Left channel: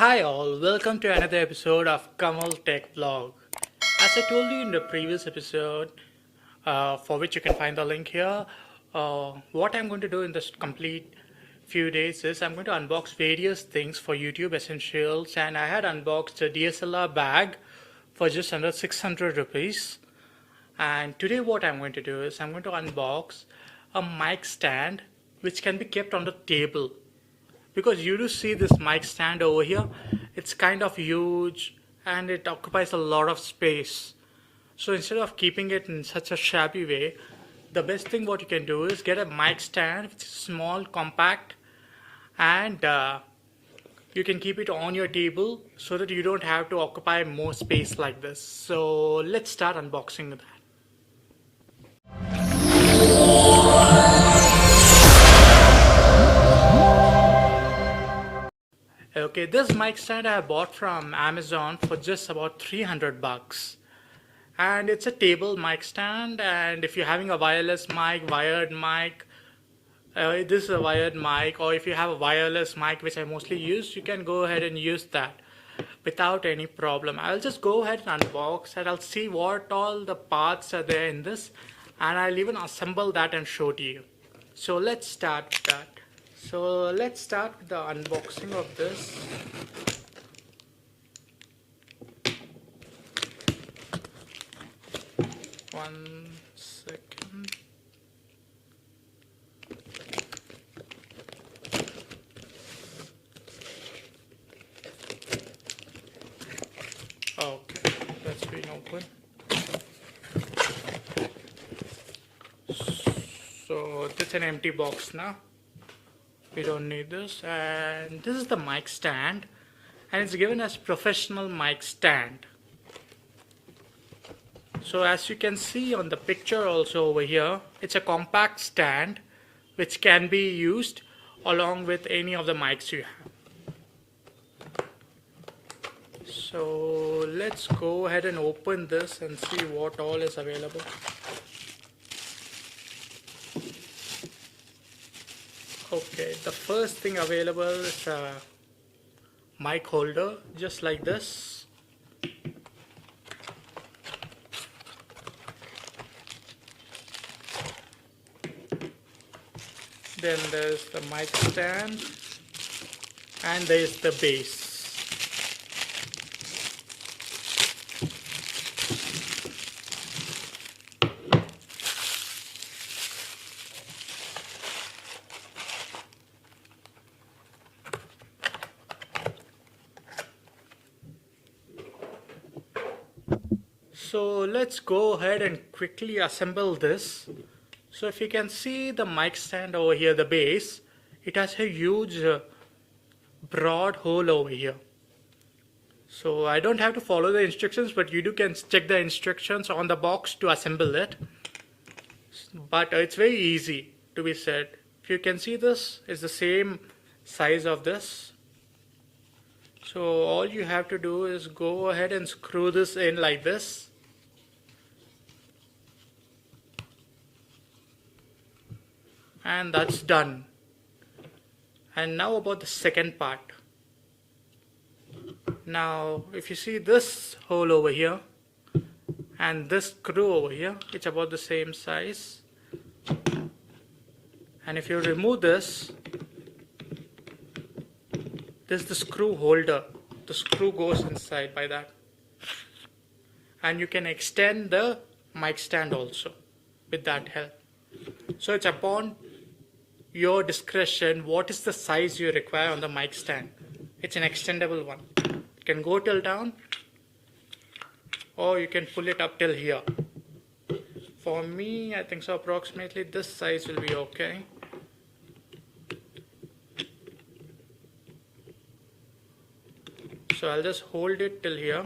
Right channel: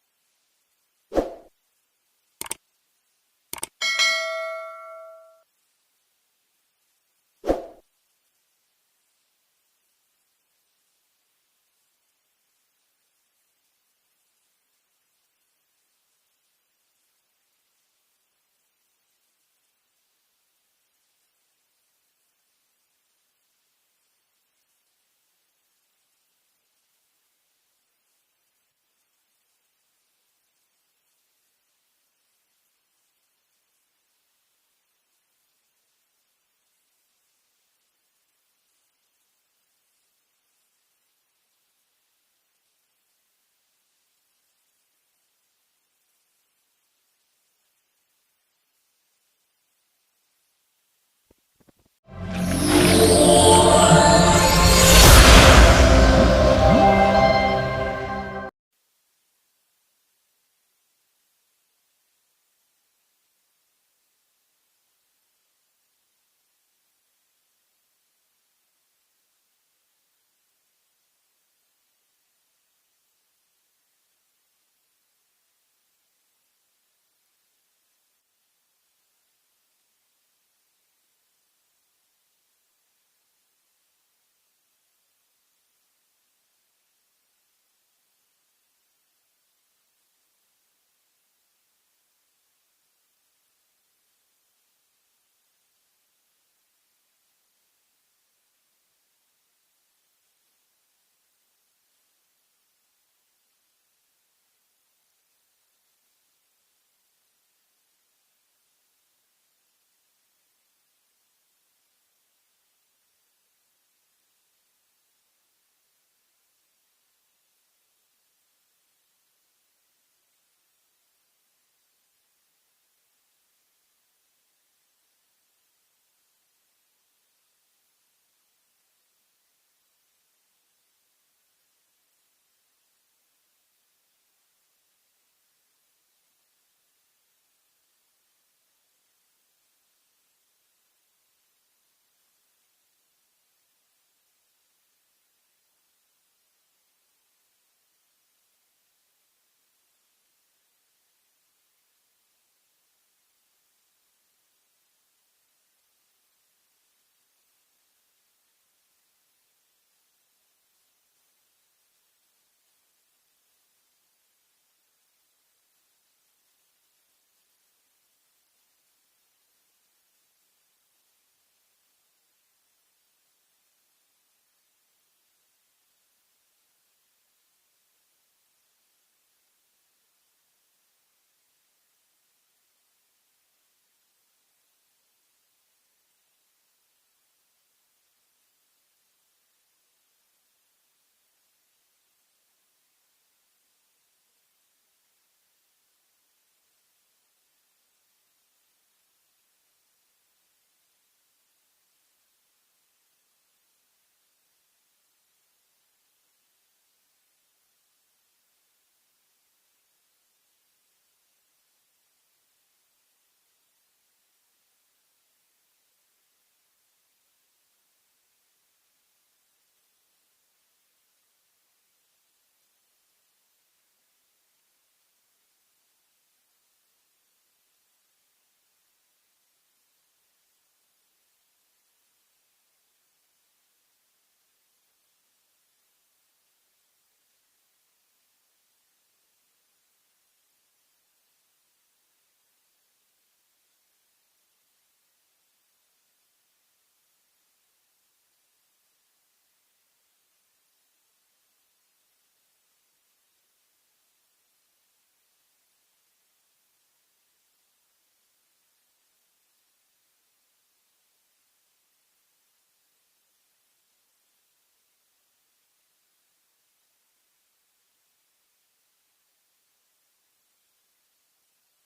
Hi all, welcome to another episode of kamaltechvlog. As I told you in the previous episode, for which you can find the link here, what I'm going to do in this complete few days is I'm going to unbox various things for YouTube essentials, and I had unboxed a DSLR bag for just under 600 rupees. And today what I'm going to do is I'm going to unbox a mic stand which can be kept on the table, because you do see this mic stand over here. It's kind of huge and it occupies a lot of space. So instead of keeping it in such a shabby way, the best thing what you can do is get a mic stand which is small, compact, and you can keep it on your table so that you don't have to occupy more space like this. So let's start unboxing that. Okay, this mic stand I bought from Amazon for just about 300 bucks. And it's a table mic stand, and if you're having a wireless mic, wired mic, this is a wired mic, or if you have a wireless mic, which I mostly use, you can go ahead and use that without any problem. I'll just go ahead and unbox and I'll see what all the parts are there in this, and I'll even assemble that and show to you. So let's start with that. So let's start with the unboxing of this. One second. Okay, that's been open. So it's an empty box now. We don't need this. And this is the mic stand, and it's given as professional mic stand. So as you can see on the picture also over here, it's a compact stand which can be used along with any of the mics you have. So let's go ahead and open this and see what all is available. Okay, the first thing available is a mic holder, just like this. Then there's the mic stand, and there's the base. So let's go ahead and quickly assemble this. So if you can see the mic stand over here, the base, it has a huge broad hole over here. So I don't have to follow the instructions, but you can check the instructions on the box to assemble it. But it's very easy to be said. If you can see, this is the same size of this. So all you have to do is go ahead and screw this in like this. And that's done. And now about the second part. Now if you see this hole over here and this screw over here, it's about the same size. And if you remove this, this is the screw holder. The screw goes inside by that. And you can extend the mic stand also with that help. So it's upon your discretion what is the size you require on the mic stand. It's an extendable one. You can go till down, or you can pull it up till here. For me, I think so approximately this size will be okay. So I'll just hold it till here.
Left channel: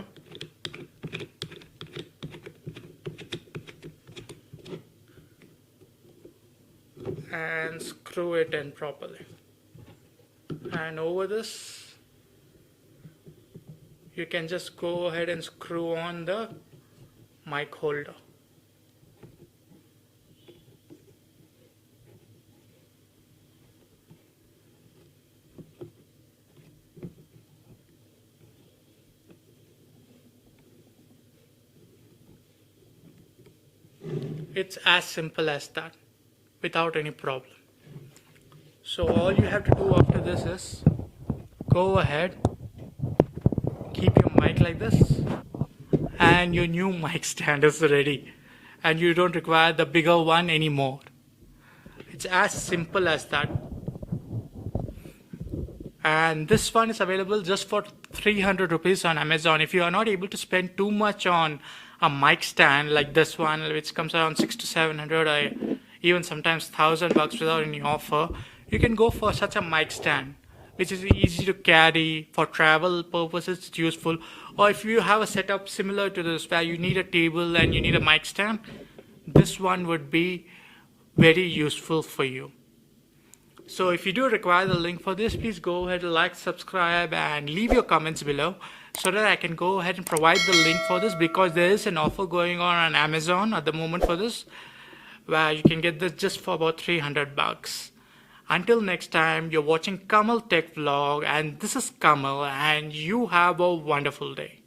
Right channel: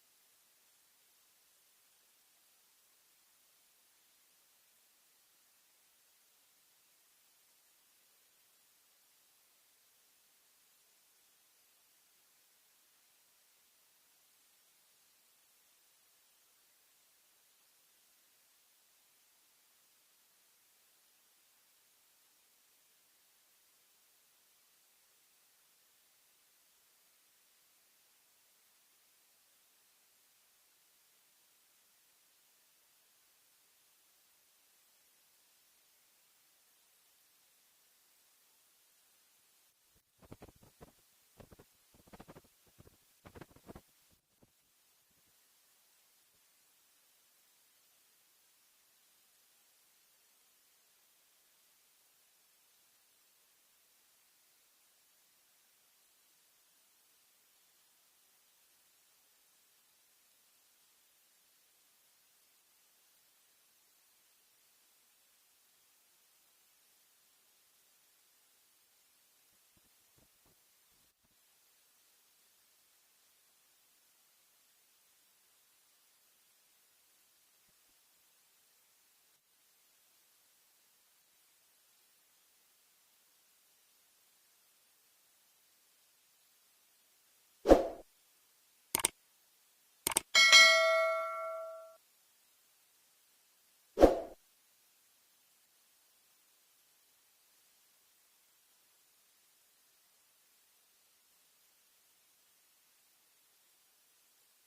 And screw it in properly. And over this, you can just go ahead and screw on the mic holder. It's as simple as that, without any problem. So all you have to do after this is go ahead, keep your mic like this, and your new mic stand is ready, and you don't require the bigger one anymore. It's as simple as that. And this one is available just for 300 rupees on Amazon. If you are not able to spend too much on a mic stand like this one, which comes around 600 to 700 or even sometimes $1,000 without any offer, you can go for such a mic stand, which is easy to carry for travel purposes. It's useful. Or if you have a setup similar to this where you need a table and you need a mic stand, this one would be very useful for you. So if you do require the link for this, please go ahead and like, subscribe, and leave your comments below so that I can go ahead and provide the link for this, because there is an offer going on Amazon at the moment for this, where you can get this just for about 300 bucks. Until next time, you're watching Kamal Tech Vlog, and this is Kamal, and you have a wonderful day.